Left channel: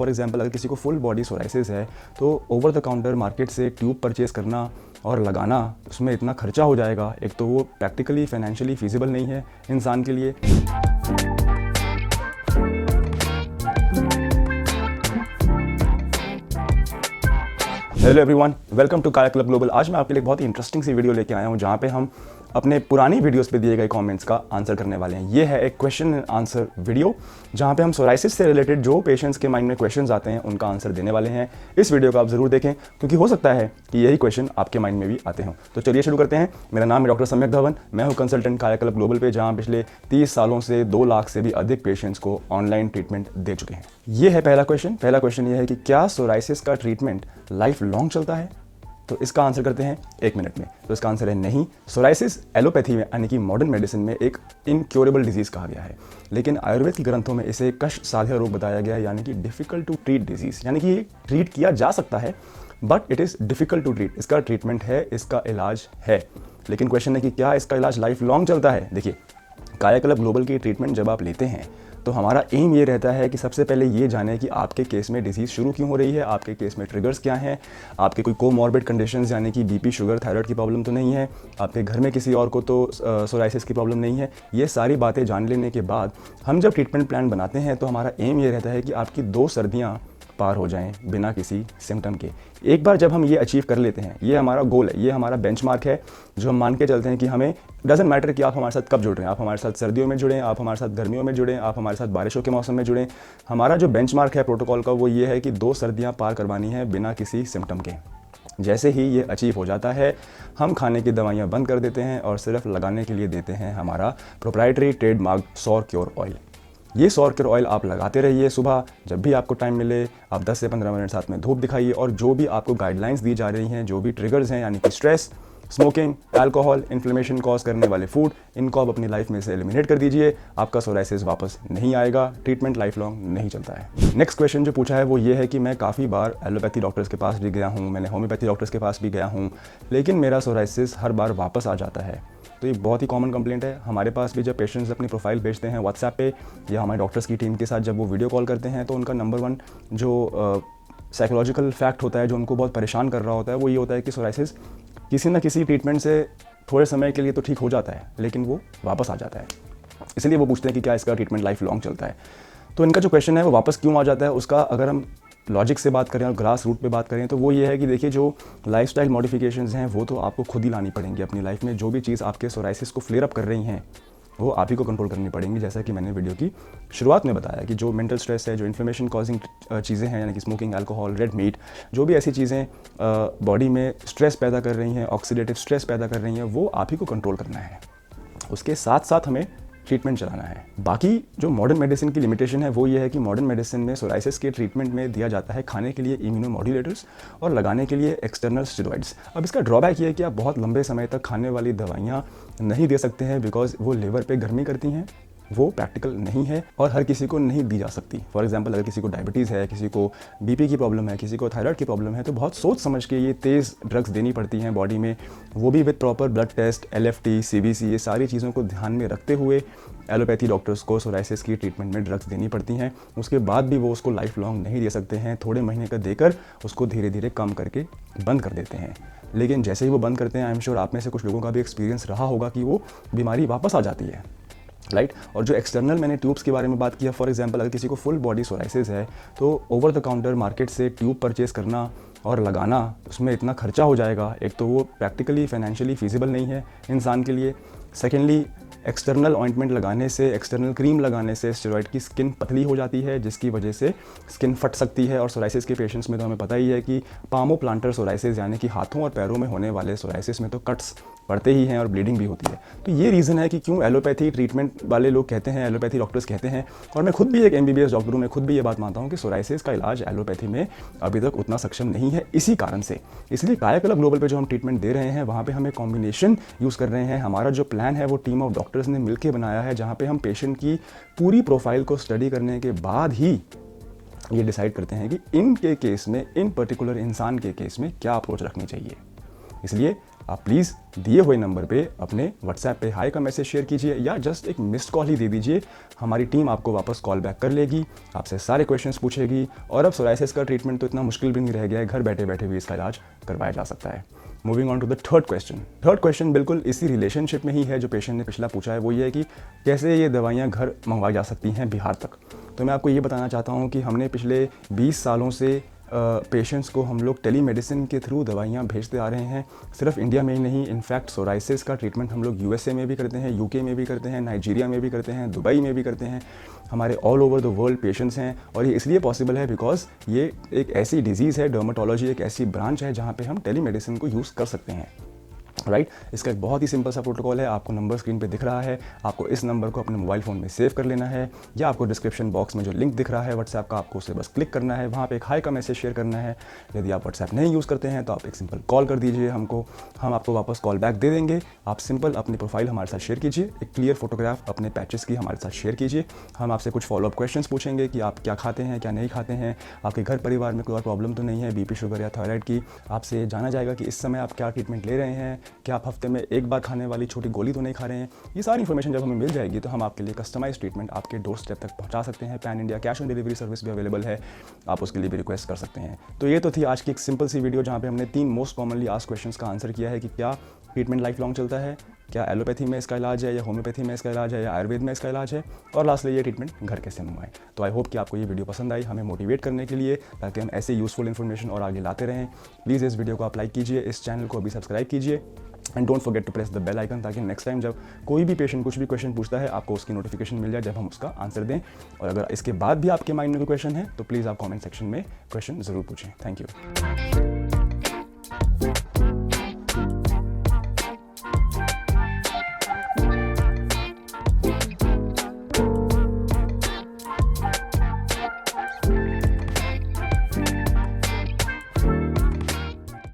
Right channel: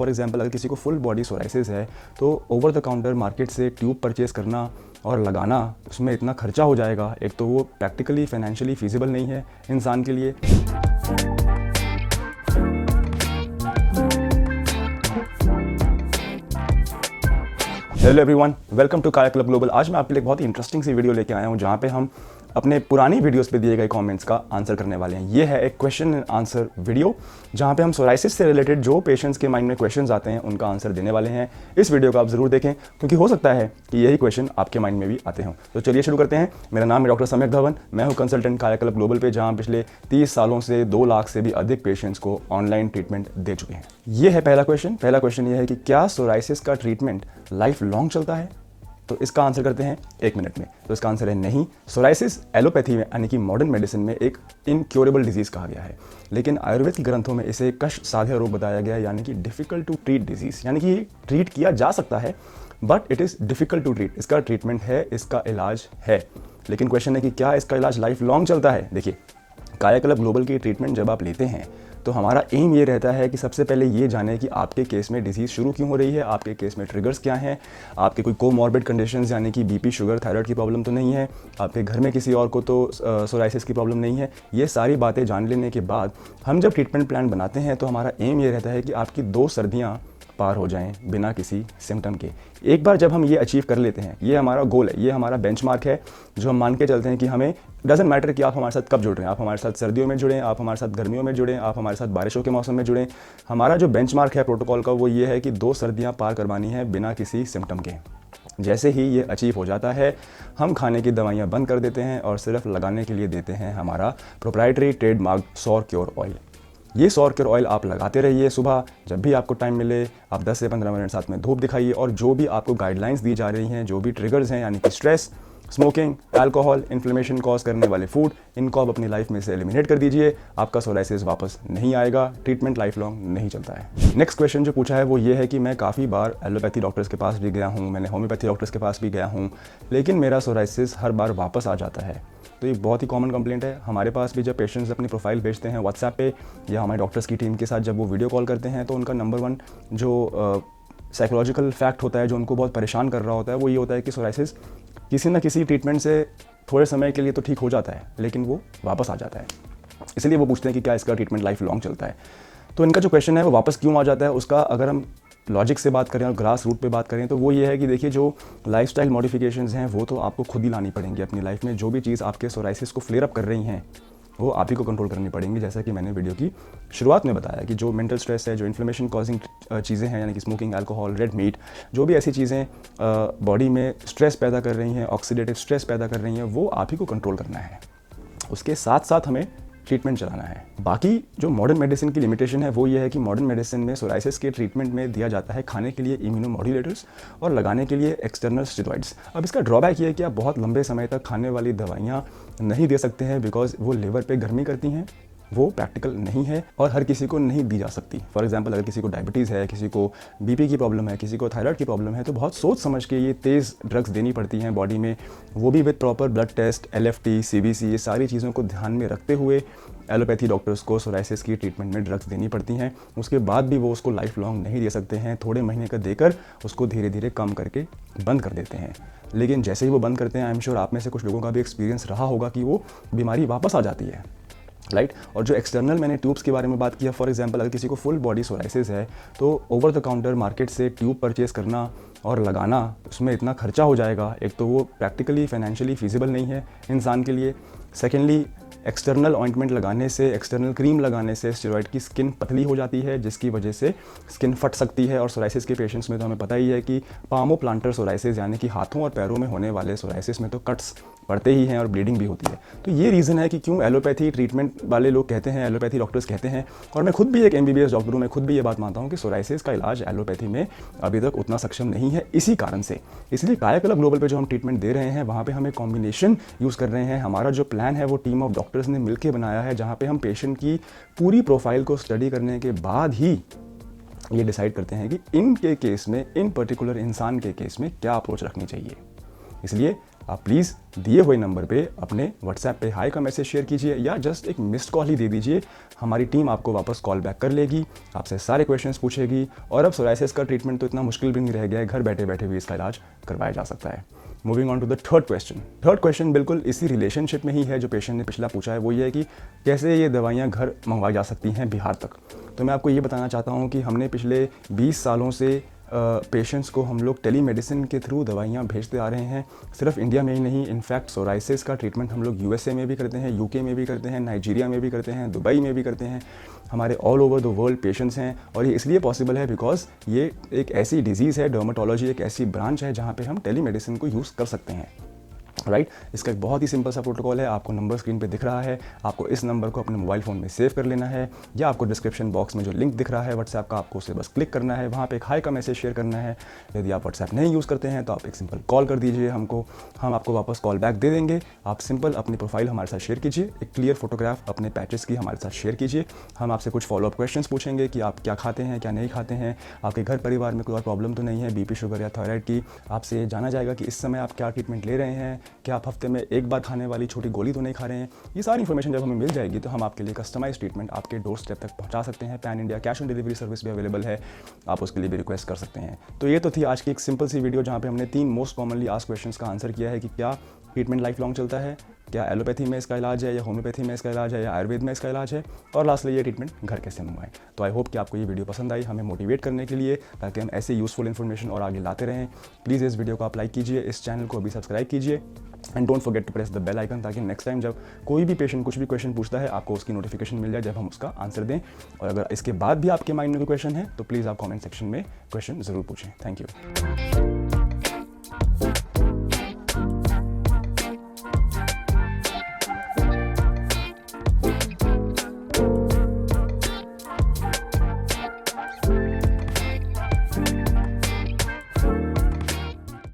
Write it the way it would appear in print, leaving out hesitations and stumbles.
For example अगर किसी को फुल बॉडी सोराइसिस है तो ओवर द काउंटर मार्केट से ट्यूब परचेज करना और लगाना, उसमें इतना खर्चा हो जाएगा, एक तो वो प्रैक्टिकली फाइनेंशियली फिजिबल नहीं है इंसान के लिए। हेलो एवरीवन, वेलकम टू काया क्लब ग्लोबल। आज मैं आपके लिए बहुत ही इंटरेस्टिंग सी वीडियो लेके आया हूँ जहाँ पे हम अपने पुरानी वीडियोस पे दिए गए कमेंट्स का आंसर करने वाले हैं। ये है एक क्वेश्चन एंड आंसर वीडियो जहाँ पे हम सोराइसिस से रिलेटेड जो पेशेंट्स के माइंड में क्वेश्चंस आते हैं उनका आंसर देने वाले हैं। इस वीडियो को आप जरूर देखें क्योंकि हो सकता है कि यही क्वेश्चन आपके माइंड में भी आते हैं। तो चलिए शुरू करते हैं। मेरा नाम है डॉक्टर समीर धवन, मैं हूँ कंसल्टेंट काया क्लब ग्लोबल पे, जहाँ पिछले 30 सालों से 2 लाख से भी अधिक पेशेंट्स को ऑनलाइन ट्रीटमेंट दे चुके हैं। ये है पहला क्वेश्चन ये है कि क्या सोराइसिस का ट्रीटमेंट लाइफ लॉन्ग चलता है? तो इसका आंसर करते हैं 1 मिनट में। तो इसका आंसर है नहीं। सोराइसिस एलोपैथी में यानी कि मॉडर्न मेडिसिन में एक इनक्योरेबल डिजीज कहा गया है, लेकिन आयुर्वेद के ग्रंथों में इसे कष्ट साध्य रोग बताया गया है, यानी कि डिफिकल्ट टू ट्रीट डिजीज, यानी कि ट्रीट किया जा सकता है but it is difficult to treat. इसका ट्रीटमेंट है, इसका इलाज है, लेकिन क्वेश्चन है कि क्या इसका इलाज लाइफ लॉन्ग चलता है? देखिए, काया क्लब ग्लोबल की ट्रीटमेंट जब आप लेते हैं तो हमारा एम ये रहता है कि सबसे पहले ये जाने कि आपके केस में डिजीज शुरू क्यों हो रही है, आपके केस में ट्रिगर्स क्या हैं, आपके कोई कोमॉर्बिड कंडीशंस यानी कि बीपी, शुगर, थायराइड की प्रॉब्लम तो नहीं है, आपके घर में किसी और को तो सोराइसिस की प्रॉब्लम नहीं है। ये सारी बातें जान लेने के बाद हम जब ट्रीटमेंट प्लान बनाते हैं तो हमारा एम ये रहता है कि आपकी 2 सर्दियाँ पार हो जाएं बिना किसी सिम्टम के। एक बार जब हम ये अचीव कर लेते हैं, ये हमारा गोल है, ये हमारा बेंचमार्क है जो हम मान के चलते हैं कि हमें डजंट मैटर कि आप हमारे साथ कब जुड़ रहे हैं, आप हमारे साथ सर्दियों में जुड़ें, आप हमारे साथ गर्मियों में जुड़ें, आप हमारे साथ बारिशों के मौसम में जुड़ें। हमारा जो बेंचमार्क है प्रोटोकॉल का वो ये है कि 2 सर्दियां पार करवानी है बिना किसी सिम्टम के। जैसे ही ये अचीव हो जाता है हम खाने की दवाइयाँ बंद कर देते हैं और सिर्फ लगाने के लिए देते हैं हमारा प्रोप्राइटरी ट्रेडमार्क सौर क्योर ऑयल। ये सौर क्योर ऑयल आप लगाते रहिए सुबह जब भी आपको टाइम मिले, आप 10 से 15 मिनट साथ में धूप दिखाइए और जो भी आपको गाइडलाइंस दी जा रही हैं, जो भी ट्रिगर्स हैं यानी कि stress, smoking, alcohol, inflammation cause करने वाले फूड, इनको आप अपनी लाइफ में से एलिमिनेट कर दीजिए। आपका सोराइसिस वापस नहीं आएगा, ट्रीटमेंट लाइफ लॉन्ग नहीं चलता है। नेक्स्ट क्वेश्चन जो पूछा है वो ये है कि मैं काफ़ी बार एलोपैथी डॉक्टर्स के पास भी गया हूँ, मैंने होम्योपैथी डॉक्टर्स के पास भी गया हूँ, लेकिन मेरा सोराइसिस हर बार वापस आ जाता है। तो ये बहुत ही कॉमन कंप्लेंट है। हमारे पास भी जब पेशेंट्स अपनी प्रोफाइल भेजते हैं व्हाट्सएप पे या हमारे डॉक्टर्स की टीम के साथ जब वो वीडियो कॉल करते हैं तो उनका नंबर 1 जो साइकोलॉजिकल फैक्ट होता है जो उनको बहुत परेशान कर रहा होता है वो ये होता है कि सोराइसिस किसी न किसी ट्रीटमेंट से थोड़े समय के लिए तो ठीक हो जाता है लेकिन वो वापस आ जाता है। इसलिए वो पूछते हैं कि क्या इसका ट्रीटमेंट लाइफ लॉन्ग चलता है। तो इनका जो क्वेश्चन है वो वापस क्यों आ जाता है, उसका अगर हम लॉजिक से बात करें और ग्रास रूट पे बात करें तो वो ये है कि देखिए, जो लाइफस्टाइल मॉडिफिकेशंस हैं वो तो आपको खुद ही लानी पड़ेंगी अपनी लाइफ में। जो भी चीज़ आपके सोराइसिस को फ्लेयर अप कर रही हैं वो आप ही को कंट्रोल करनी पड़ेंगी। जैसा कि मैंने वीडियो की शुरुआत में बताया कि जो मेंटल स्ट्रेस है, जो इन्फ्लेमेशन कॉजिंग चीज़ें हैं यानी कि स्मोकिंग, अल्कोहल, रेड मीट, जो भी ऐसी चीज़ें बॉडी में स्ट्रेस पैदा कर रही हैं, ऑक्सीडेटिव स्ट्रेस पैदा कर रही हैं, वो आप ही को कंट्रोल करना है। उसके साथ साथ हमें ट्रीटमेंट चलाना है। बाकी जो मॉडर्न मेडिसिन की लिमिटेशन है वो ये है कि मॉडर्न मेडिसिन में सोराइसिस के ट्रीटमेंट में दिया जाता है खाने के लिए इम्यूनोमॉड्यूलेटर्स और लगाने के लिए एक्सटर्नल स्टेरॉइड्स। अब इसका ड्रॉबैक ये है कि आप बहुत लंबे समय तक खाने वाली दवाइयाँ नहीं दे सकते हैं बिकॉज वो लिवर पे गर्मी करती हैं, वो प्रैक्टिकल नहीं है और हर किसी को नहीं दी जा सकती। फॉर एग्जांपल, अगर किसी को डायबिटीज़ है, किसी को बीपी की प्रॉब्लम है, किसी को थायराइड की प्रॉब्लम है, तो बहुत सोच समझ के ये तेज़ ड्रग्स देनी पड़ती हैं बॉडी में, वो भी with proper blood test, LFT, CBC, ये सारी चीज़ों को ध्यान में रखते हुए एलोपैथी डॉक्टर्स को सोराइसिस की ट्रीटमेंट में ड्रग्स देनी पड़ती हैं। उसके बाद भी वो उसको लाइफ लॉन्ग नहीं दे सकते हैं, थोड़े महीने का देकर उसको धीरे धीरे कम करके बंद कर देते हैं। लेकिन जैसे ही वो बंद करते हैं, आई एम श्योर आप में से कुछ लोगों का भी एक्सपीरियंस रहा होगा कि वो बीमारी वापस आ जाती है, राइट। और जो एक्सटर्नल मैंने ट्यूब्स के बारे में बात किया, फॉर एग्जांपल अगर किसी को फुल बॉडी सोराइसिस है तो ओवर द काउंटर मार्केट से ट्यूब परचेज करना और लगाना, उसमें इतना खर्चा हो जाएगा, एक तो वो प्रैक्टिकली फाइनेंशियली फिजिबल नहीं है इंसान के लिए। सेकेंडली, एक्सटर्नल ऑइंटमेंट लगाने से, एक्सटर्नल क्रीम लगाने से स्टेरॉइड की स्किन पतली हो जाती है जिसकी वजह से स्किन फट सकती है। और सोराइसिस के पेशेंट्स में तो हमें पता ही है कि पामो प्लांटर सोराइसिस यानी कि हाथों और पैरों में होने वाले सोराइसिस में तो कट्स पड़ते ही हैं और ब्लीडिंग भी होती है। तो ये रीज़न है कि क्यों एलोपैथी ट्रीटमेंट वाले लोग कहते हैं, एलोपैथी डॉक्टर्स कहते हैं, और मैं खुद भी एक MBBS डॉक्टर हूँ, मैं खुद भी ये बात मानता हूँ कि सोराइसिस का इलाज एलोपैथी में अभी तक उतना सक्षम नहीं है इसी कारण से। इसलिए काया क्लब ग्लोबल पे जो हम ट्रीटमेंट दे रहे हैं वहाँ पे हम एक कॉम्बिनेशन यूज़ कर रहे हैं। हमारा जो प्लान है वो टीम ऑफ डॉक्टर्स ने मिलकर बनाया है, जहाँ पे हम पेशेंट की पूरी प्रोफाइल को स्टडी करने के बाद ही ये डिसाइड करते हैं कि इनके केस में, इन पर्टिकुलर इंसान के केस में क्या अप्रोच रखनी चाहिए। इसलिए आप प्लीज़ दिए हुए नंबर पे अपने व्हाट्सएप पे हाई का मैसेज शेयर कीजिए या जस्ट एक मिस्ड कॉल ही दे दीजिए। हमारी टीम आपको वापस कॉल बैक कर लेगी, आपसे सारे क्वेश्चंस पूछेगी और अब सोराइसिस का ट्रीटमेंट तो इतना मुश्किल भी नहीं रह गया है, घर बैठे बैठे भी इसका इलाज करवाया जा सकता है। Moving on to the third question. Third question बिल्कुल इसी रिलेशनशिप में ही है जो पेशेंट ने पिछला पूछा है। वो ये है कि कैसे ये दवाइयाँ घर मंगवाई जा सकती हैं बिहार तक। तो मैं आपको ये बताना चाहता हूँ कि हमने पिछले 20 सालों से पेशेंट्स को हम लोग टेलीमेडिसिन के थ्रू दवाइयाँ भेजते आ रहे हैं, सिर्फ इंडिया में ही नहीं। इनफैक्ट सोराइसिस का ट्रीटमेंट हम लोग यूएसए में भी करते हैं, यूके में भी करते हैं, नाइजीरिया में भी करते हैं, दुबई में भी करते हैं। हमारे all over the world patients हैं और ये इसलिए पॉसिबल है बिकॉज ये एक ऐसी डिजीज़ है, डर्माटोलॉजी एक ऐसी ब्रांच है जहाँ पे हम टेलीमेडिसिन को यूज़ कर सकते हैं। राइट इसका एक बहुत ही सिंपल सा प्रोटोकॉल है। आपको नंबर स्क्रीन पे दिख रहा है, आपको इस नंबर को अपने मोबाइल फ़ोन में सेव कर लेना है या आपको डिस्क्रिप्शन बॉक्स में जो लिंक दिख रहा है व्हाट्सएप का, आपको उसे बस क्लिक करना है, वहाँ पे एक हाई का मैसेज शेयर करना है। यदि आप व्हाट्सएप नहीं यूज़ करते हैं तो आप एक सिंपल कॉल कर दीजिए हमको, हम आपको वापस कॉल बैक दे देंगे। आप सिंपल अपनी प्रोफाइल हमारे साथ शेयर कीजिए, एक क्लियर फोटोग्राफ अपने पैचेस की हमारे साथ शेयर कीजिए। हम आपसे कुछ फॉलोअप क्वेश्चंस पूछेंगे कि आप क्या खाते हैं, क्या नहीं खाते हैं, आपके घर परिवार में कोई और प्रॉब्लम तो नहीं है बीपी शुगर या थायराइड की। आपसे जाना जाएगा कि इस समय आप क्या ट्रीटमेंट ले रहे हैं, क्या आप हफ्ते में एक बार खाने वाली छोटी गोली तो नहीं खा रहे हैं। ये सारी इन्फॉर्मेशन जब हमें मिल जाएगी तो हम आपके लिए कस्टमाइज ट्रीटमेंट आपके डोर स्टेप तक पहुंचा सकते हैं। Pan India cash on delivery service भी अवेलेबल है, आप उसके लिए भी रिक्वेस्ट कर सकते हैं। तो ये तो थी आज की एक सिंपल सी वीडियो जहाँ पे हमने 3 मोस्ट कॉमनली आस्क्ड क्वेश्चंस का आंसर किया है कि क्या ट्रीटमेंट लाइफ लॉन्ग चलता है, क्या एलोपैथी में इसका इलाज है या होम्योपैथी में इसका इलाज है या आयुर्वेद में इसका इलाज है, और लास्टली ये ट्रीटमेंट घर कैसे मंगवाएं। तो आई होप कि आपको ये वीडियो पसंद आई, हमें मोटिवेट करने के लिए, ताकि हम ऐसे यूजफुल इन्फॉर्मेशन और आगे लाते रहें। प्लीज़ इस वीडियो को आप लाइक कीजिए, इस चैनल को अभी सब्सक्राइब कीजिए and don't forget to press the bell icon, ताकि नेक्स्ट टाइम जब कोई भी पेशेंट कुछ भी क्वेश्चन पूछता है आपको उसकी नोटिफिकेशन मिल जाए जब हम उसका आंसर दें। और अगर इसके बाद भी आपके माइंड में कोई क्वेश्चन है तो प्लीज़ आप कमेंट सेक्शन में क्वेश्चन ज़रूर पूछें। Thank you.